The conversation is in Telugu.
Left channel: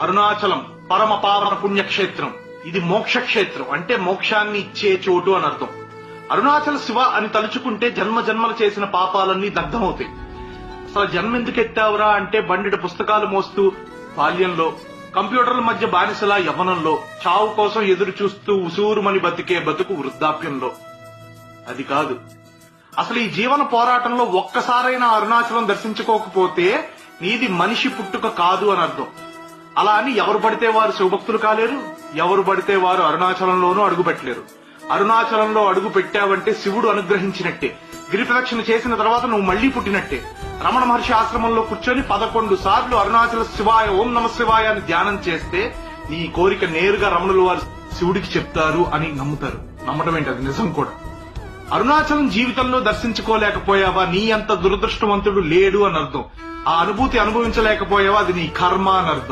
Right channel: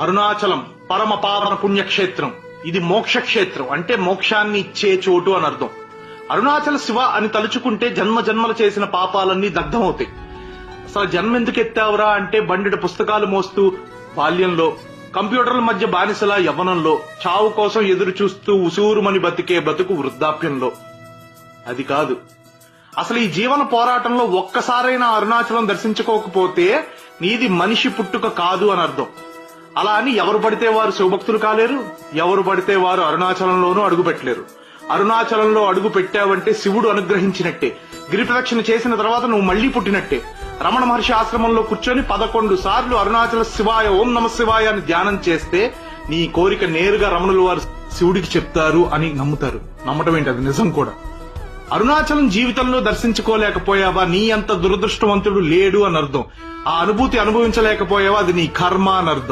అరుణాచలం పరమ పావన పుణ్యక్షేత్రం. ఇది మోక్షక్షేత్రం, అంటే మోక్షాన్ని ఇచ్చే చోటు అని అర్థం. అరుణాచల శివ అని తలుచుకుంటే జన్మ జన్మలు చేసిన పాపాలన్నీ దగ్ధమవుతాయి. అసలు జన్మ ఎందుకు ఎత్తావురా అంటే బండిట పుస్తకాలు మోస్తూ బాల్యంలో, కంప్యూటర్ల మధ్య బానిసలా యవ్వనంలో, చావు కోసం ఎదురు చూస్తూ ఉసూరుమని బతికే బతుకు వృద్ధాప్యంలో. అది కాదు. అసలు ఈ జీవన పోరాటంలో ఒక్కసారైనా అరుణాచలం దర్శించుకోకపోతే నీది మనిషి పుట్టుక కాదు అని అర్థం. అలా అని ఎవరు పడితే వారు శివభక్తులు కాలేరు, ఎవరు పడితే వారు అరుణాచలంలోనూ అడుగు పెట్టలేరు. అరుణాచలంలో అడుగు పెట్టావంటే శివుడు అనుగ్రహించినట్టే. గిరిప్రదక్షిణ చేసిన తర్వాత నువ్వు మళ్లీ పుట్టినట్టే. రమణ మహర్షి ఆశ్రమంలో కూర్చొని 11 సార్లు అరుణాచల శివాయ ఓం నమ శివాయ అని ధ్యానం చేస్తే నీ కోరిక నేరుగా రమణులు వారు శివుడికి చెప్తారు అని నమ్ముతారు. నమ్మటం ఏంటి, అది నిజం కూడా. అరుణాచలం జీవితంలో దర్శించుకోలేకపోయావా, నీ అంత దురదృష్టవంతుడు లేడు అని అర్థం. ఆ అనుభూతి అనుభవించలేకపోయావా, అది నీ కర్మ అని అర్థం.